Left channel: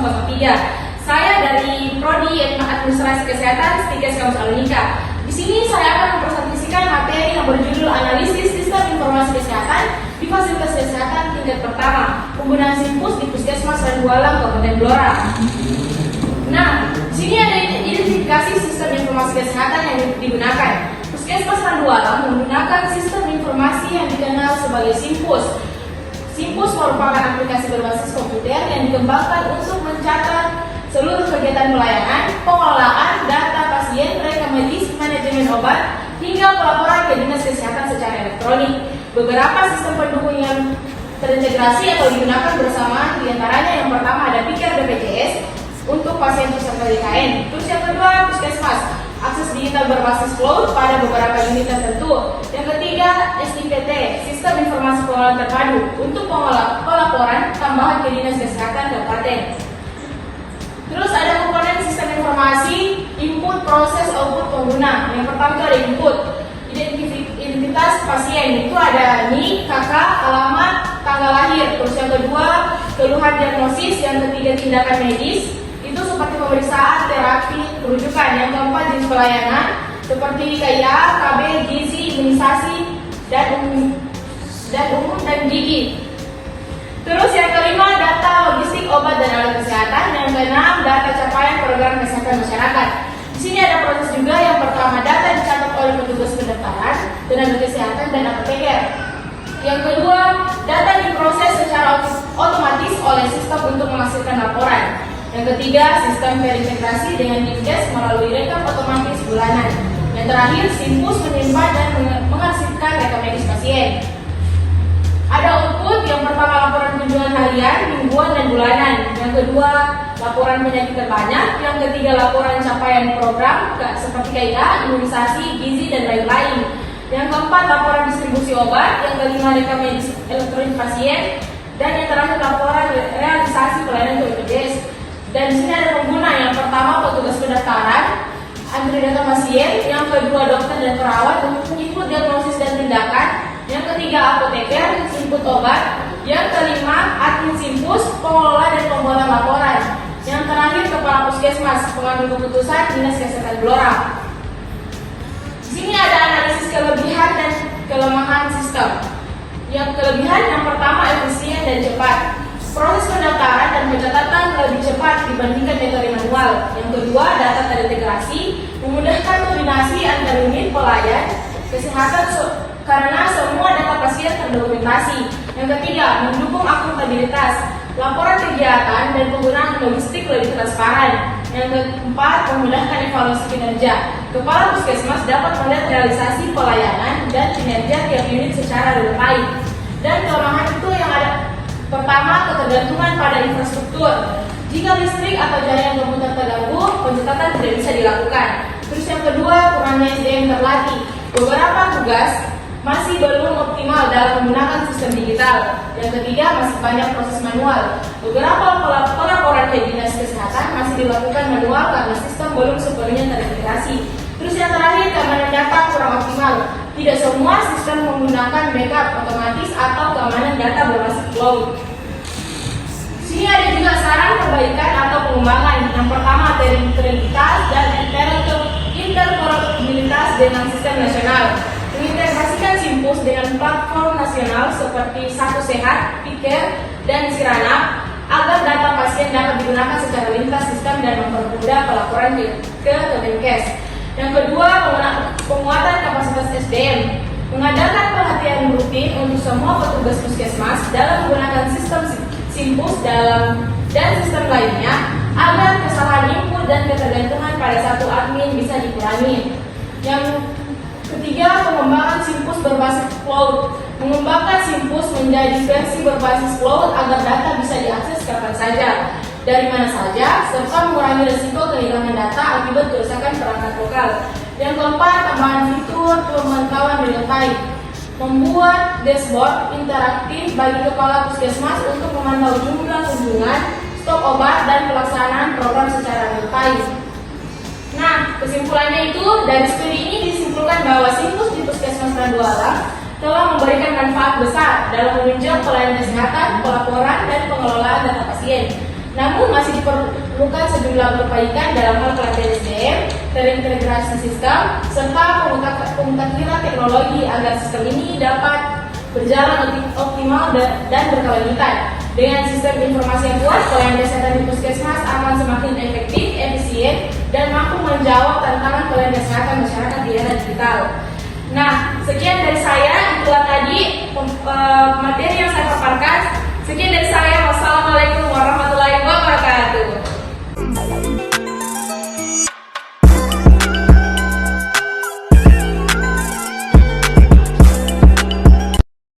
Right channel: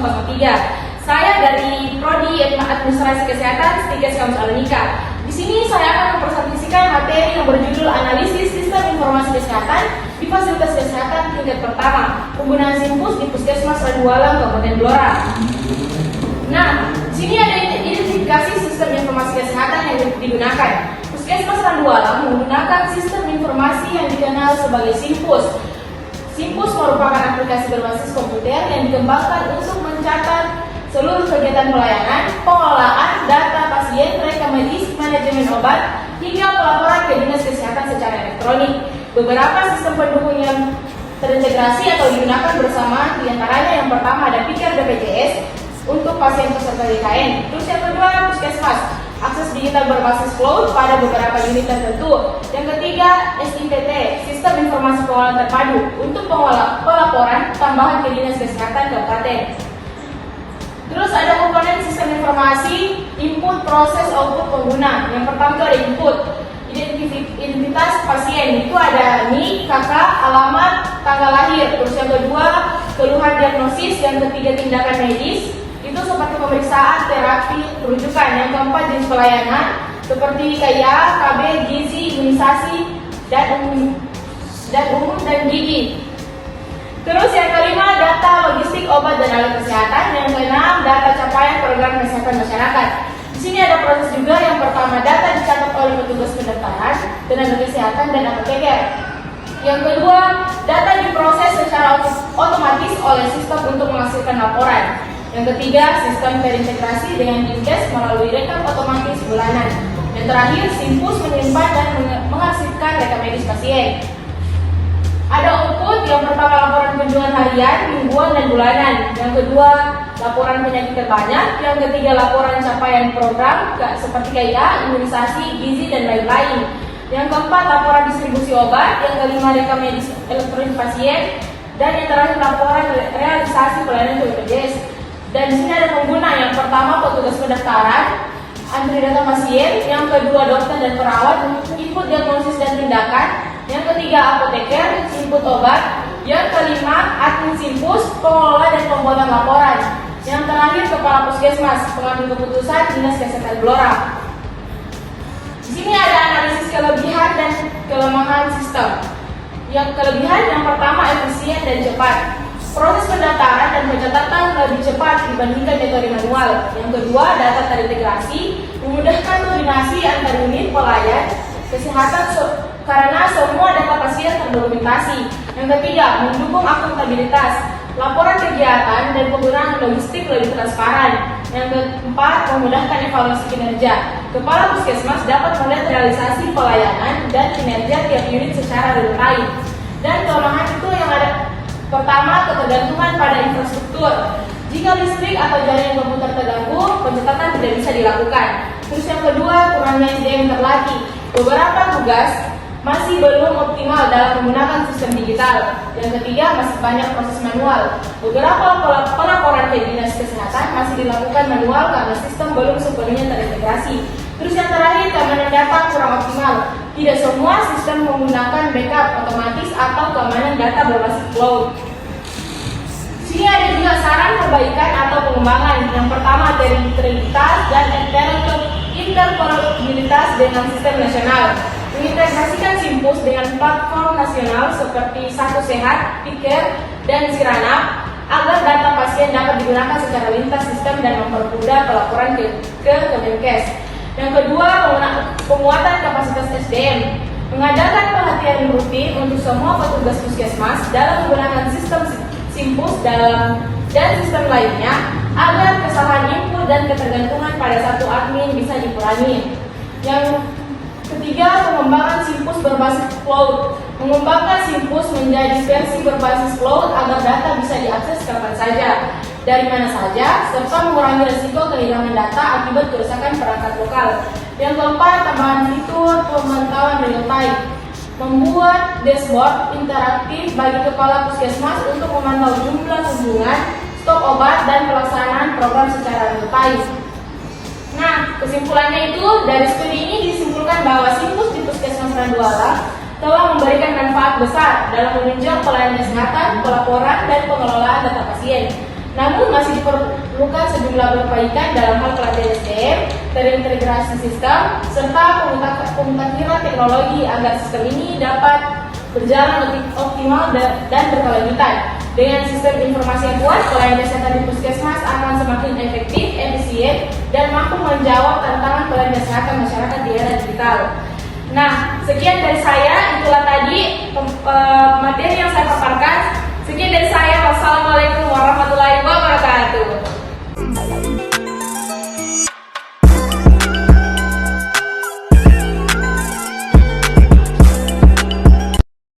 003. Saya dari Prodi Administrasi Kesehatan Stikes Kampus Anonika. Di sini saya akan mempresentasikan materi yang berjudul Analisis Sistem Informasi Kesehatan di Fasilitas Kesehatan tingkat pertama, penggunaan Simpus di Puskesmas Randualam, Kabupaten Blora. Nah, di sini ada identifikasi sistem informasi kesehatan yang digunakan. Puskesmas Randualam menggunakan sistem informasi yang dikenal sebagai Simpus. Simpus merupakan aplikasi berbasis komputer yang dikembangkan untuk mencatat seluruh kegiatan pelayanan, pengelolaan data pasien, rekam medis, manajemen obat, hingga pelaporan ke dinas kesehatan secara elektronik. Beberapa sistem pendukung yang terintegrasi atau digunakan bersama, diantaranya yang pertama ada Pikar BPJS untuk pasien peserta DKN. Terus yang kedua, Puskesmas, akses digital berbasis cloud pada beberapa unit tertentu. Yang ketiga, SIPT, Sistem Informasi Keuangan Terpadu untuk pelaporan tambahan ke dinas kesehatan kabupaten. Terus ada komponen sistem informasi, input, proses, output pengguna. Yang pertama ada input, identitas pasien, itu ada NIK, KK, alamat, tanggal lahir. Terus yang kedua, keluhan diagnosis. Yang ketiga, tindakan medis, itu seperti pemeriksaan, terapi, rujukan. Yang keempat, jenis pelayanan seperti KIA, KB, gizi, imunisasi, dan umum dan gigi. Terus yang kelima, data logistik obat dan alat kesehatan. Yang keenam, data capaian program kesehatan masyarakat. Di sini ada proses juga. Yang pertama, data dicatat oleh petugas pendaftaran, tenaga kesehatan, dan apoteker. Yang kedua, data diproses secara otomatis oleh sistem untuk menghasilkan laporan. Yang ketiga, sistem terintegrasi dengan Dinkes melalui rekam otomatis bulanan. Yang terakhir, Simpus menyimpan dan menghasilkan rekam medis pasien. Ada output, yang pertama laporan kunjungan harian, mingguan, dan bulanan. Yang kedua, laporan penyakit terbanyak. Yang ketiga, laporan capaian program seperti KIA, imunisasi, gizi, dan lain-lain. Yang keempat, laporan distribusi obat. Yang kelima, rekam medis elektronik pasien. Dan yang terakhir, laporan realisasi pelayanan BPJS. Dan di sini ada pengguna. Yang pertama, petugas pendaftaran, antri data pasien. Yang kedua, dokter dan perawat, input diagnosis dan tindakan. Yang ketiga, apoteker, input obat. Yang kelima, admin Simpus, pengelola dan pembuatan laporan. Yang terakhir, kepala puskesmas, pengambil keputusan dinas kesehatan Blora. Di sini ada analisis kelebihan dan kelemahan sistem. Yang kelebihan, yang pertama, efisien dan cepat. Proses pendaftaran dan pencatatan lebih cepat dibandingkan metode manual. Yang kedua, data terintegrasi, memudahkan koordinasi antar unit pelayan kesehatan karena semua data pasien terdokumentasi. Yang ketiga, mendukung akuntabilitas, laporan kegiatan dan penggunaan logistik lebih transparan. Yang keempat, memudahkan evaluasi kinerja. Kepala puskesmas dapat melihat realisasi pelayanan dan kinerja tiap unit secara real time. Dan kelemahan itu yang ada, pertama, ketergantungan pada infrastruktur. Jika listrik atau jaringan komputer terganggu, pencatatan tidak bisa dilakukan. Terus yang kedua, kurangnya SDM terlatih. Beberapa tugas masih belum optimal dalam menggunakan sistem digital. Yang ketiga, masih banyak proses manual. Beberapa pelaporan ke dinas kesehatan masih dilakukan manual karena sistem belum sepenuhnya terintegrasi. Terus yang terakhir, keamanan data kurang optimal. Tidak semua sistem menggunakan backup otomatis atau keamanan data berbasis cloud. Sini ada juga saran perbaikan atau pengembangan. Yang pertama, integritas dan interoperabilitas dengan sistem nasional. Mengintegrasikan Simpus dengan platform nasional seperti Satu Sehat, Pikir, dan Sirana agar data pasien dapat digunakan secara lintas sistem dan mempermudah pelaporan ke Kemenkes. Yang kedua, penguatan kapasitas SDM. Mengadakan pelatihan rutin untuk semua petugas puskesmas dalam menggunakan sistem Simpus dan sistem lainnya agar kesalahan input dan ketergantungan pada satu admin bisa dikurangi. Yang ketiga, pengembangan Simpus berbasis cloud. Mengembangkan Simpus menjadi versi berbasis cloud agar data bisa diakses kapan saja, dari mana saja, serta mengurangi risiko kehilangan data akibat kerusakan perangkat lokal. Yang keempat, tambahan fitur pemantauan real time. Membuat dashboard interaktif bagi kepala puskesmas untuk memantau jumlah kunjungan, stok obat, dan pelaksanaan program secara real time. Nah, kesimpulannya itu, dari studi ini disimpulkan bahwa Simpus di Puskesmas Randualam telah memberikan manfaat besar dalam menunjang pelayanan kesehatan, pelaporan, dan pengelolaan data pasien. Namun masih melakukan sejumlah perbaikan dalam hal pelatihan SDM, terintegrasi sistem, serta pemutakhiran teknologi agar sistem ini dapat berjalan lebih optimal dan berkelanjutan. Dengan sistem informasi yang kuat, pelayanan kesehatan di puskesmas akan semakin efektif, efisien, dan mampu menjawab tantangan pelayanan kesehatan masyarakat di era digital. Nah, sekian dari saya, itulah tadi materi yang saya paparkan. Sekian dari saya, wassalamualaikum warahmatullahi wabarakatuh.